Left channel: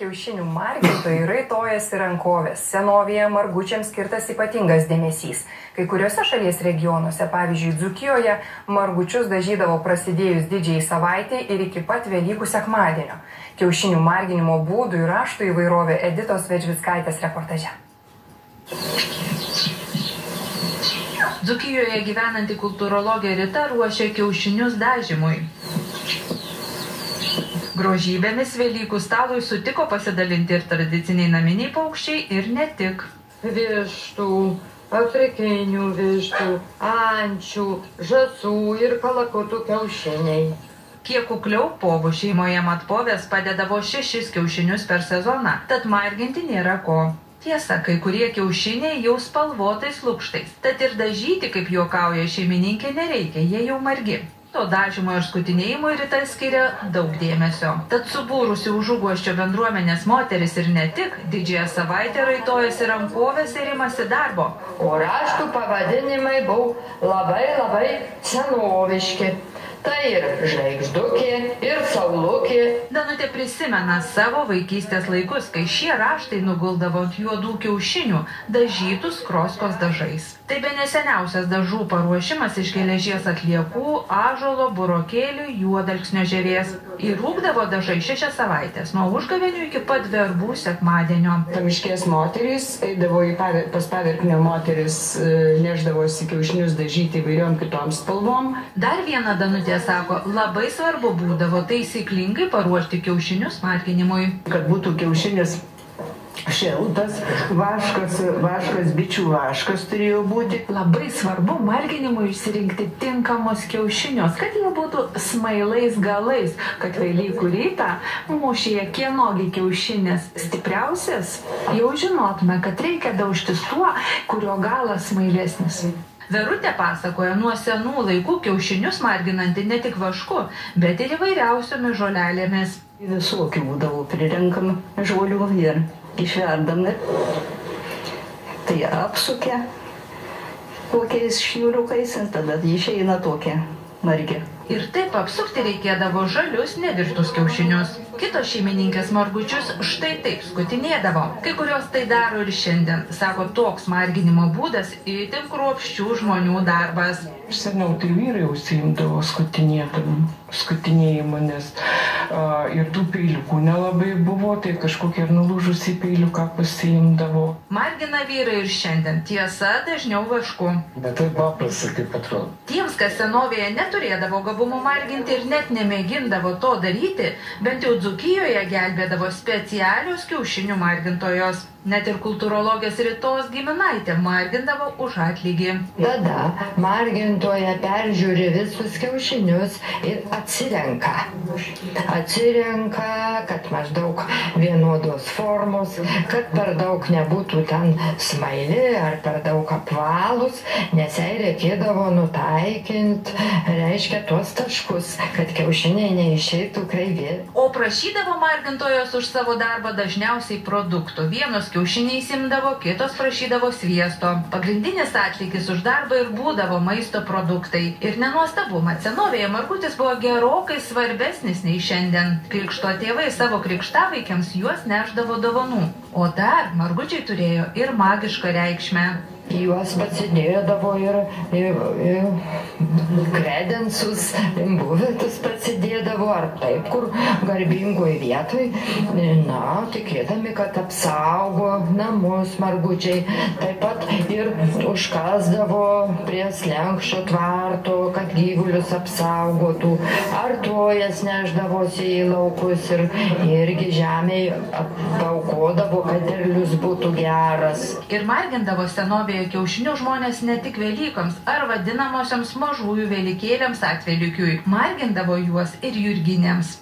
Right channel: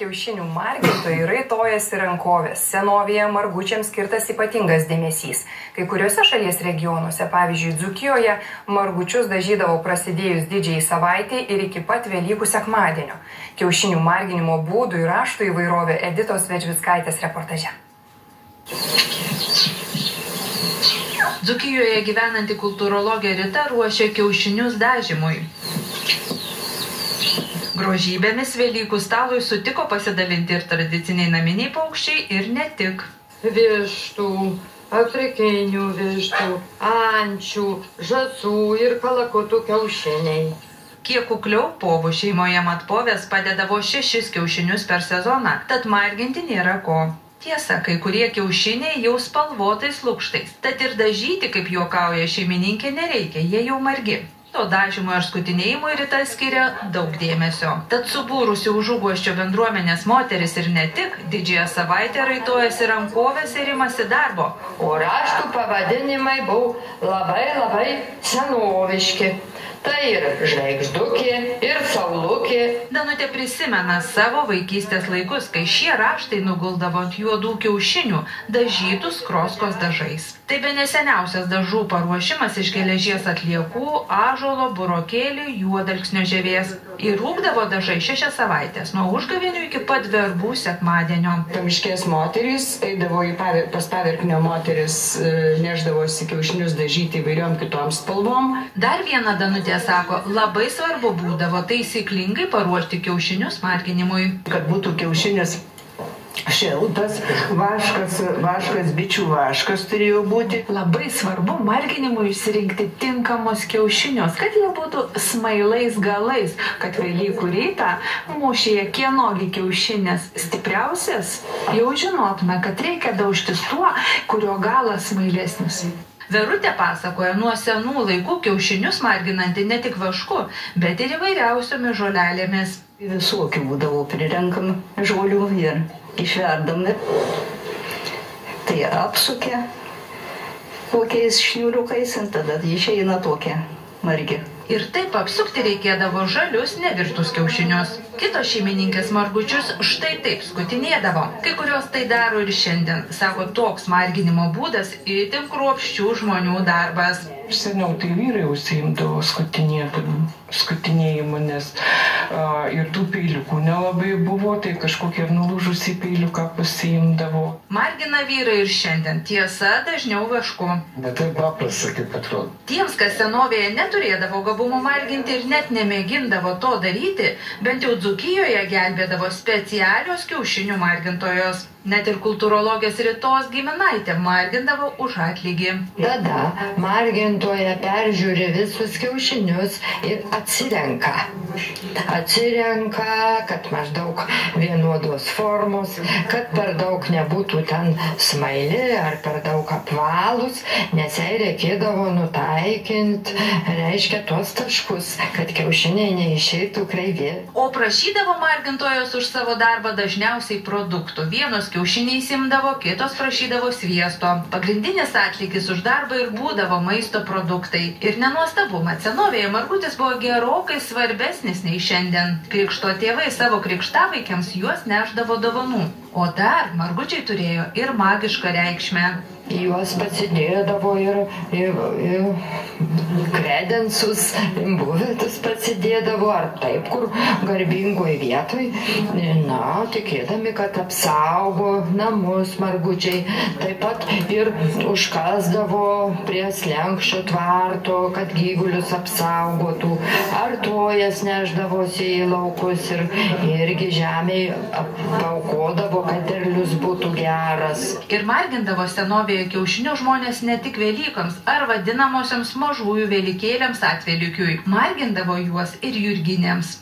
Kiaušinių margintojai raitojasi rankovės. Senovėje margučiams skirtas ypatingas dėmesys. Kai kuriuose šalies regionuose, pavyzdžiui, Dzūkijoje, margučius dažydavo prasidėjus didžiai savaitei ir iki pat Velykų sekmadienio. Kiaušinių marginimo būdų ir raštų įvairovė Editos Vedžvickaitės reportaže. Dzūkijoje gyvenanti kultūrologė Rita ruošia kiaušinius dažymui. Grožybėmis Velykų stalui sutiko pasidalinti ir tradiciniai naminiai paukščiai ir ne tik. Vištų, afrikinių vištų, ančių, žąsų ir kalakutų kiaušiniai. Kiek kukliau, povų šeimoje matpovės padėdavo 6 kiaušinius per sezoną, tad marginti nėra ko. Tiesa, kai kurie kiaušiniai jau spalvotais lukštais, tad ir dažyti, kaip juokauja šeimininkė, nereikia, jie jau margi. To dažymo ir skutinėjimui Rita skiria daug dėmesio. Tad subūrusi Užuguosčio bendruomenės moteris ir ne tik, didžiąją savaitę raitojasi rankovės ir imasi darbo. O raštų pavadinimai buvo labai senoviški. Tai ir žvaigždukė, ir saulukė. Danutė prisimena savo vaikystės laikus, kai šie raštai nuguldavo ant juodų kiaušinių, dažytų skroskos dažais. Tai bene seniausias dažų paruošimas iš geležies atliekų, ąžuolo, burokėlių, juodalksnio žievės. Ir rūkdavo dažai 6 savaitės, nuo užgavėnių iki pat verbų sekmadienio. Pamiškės moterys eidavo pas paverknio moteris, neždavosi kiaušinius dažyti įvairiom kitom spalvom. Dar viena Danutė sako, labai svarbu būdavo taisyklingai paruošti kiaušinius marginimui. Kad būtų kiaušinis šiltas, vaškas, bičių vaškas turėjo būti. Labai svarbu marginimui išsirinkti tinkamus kiaušinius, kad jie būtų smailais galais, kad Velykų rytą mūšyje kienogi kiaušinis stipriausias, jau žinotume, kad reikia daužtis tuo, kurio galas smailesnis. Verutė pasakoja, nuo senų laikų kiaušinius marginanti ne tik vašku, bet ir įvairiausiomis žolelėmis. Visokių būdavo prirenkam žolių ir išverdami. Tai apsukę kokiais šniuriukais ir tada išeina tokia margi. Ir taip apsukti reikėdavo žalius nevirtus kiaušinius. Kitos šeimininkės margučius štai taip skutinėdavo. Kai kurios tai daro ir šiandien. Sako, toks marginimo būdas itin kruopščių žmonių darbas. Seniau tai vyrai užsiimdavo skutinėjimu, nes ir tų peiliukų nelabai buvo, tai kažkokie nulūžusį peiliuką pasiimdavo. Margina vyrai ir šiandien, tiesa, dažniau vašku. Bet tai paprasta, kaip atrodo. Tiems, kas senovėje neturėdavo gabumų marginti ir net nemėgindavo to daryti, bent jau Dzūkijoje gelbėdavo specialios kiaušinių margintojos. Net ir kultūrologės Ritos giminaitė margindavo už atlygį. Tada margintoja peržiūri visus kiaušinius ir atsirenka. Kad maždaug vienodos formos, kad per daug nebūtų ten smaili ar per daug apvalus, nes jai reikėdavo nutaikinti, reiškia, tuos taškus, kad kiaušiniai neišeitų kreivi. O prašydavo margintojos už savo darbą dažniausiai produktų. Vienos kiaušiniai imdavo, kitos prašydavo sviesto. Pagrindinis atlygis už darbą ir būdavo maisto produktai. Ir nenuostabu, mat senovėje margutis buvo gerokai svarbesnis nei šiandien. Krikšto tėvai savo krikštavaikiams juos nešdavo dovanų. O dar margučiai turėjo ir magišką reikšmę. Juos pasidėdavo ir kredensus, buvetus pasidėdavo, ar taip, kur garbingoj vietoj, tikėdami, kad apsaugo namus margučiai. Taip pat ir užkasdavo prie slenkščio tvarto, kad gyvulius apsaugotų, ar tojas neždavosi į laukus ir irgi žemėj paukodavo, kad derlius būtų geras. Ir margindavo senovėje kiaušinių žmonės ne tik Velykoms ar vadinamosioms mažųjų velykėliams atvelykiui, margindavo juos ir jurginėms.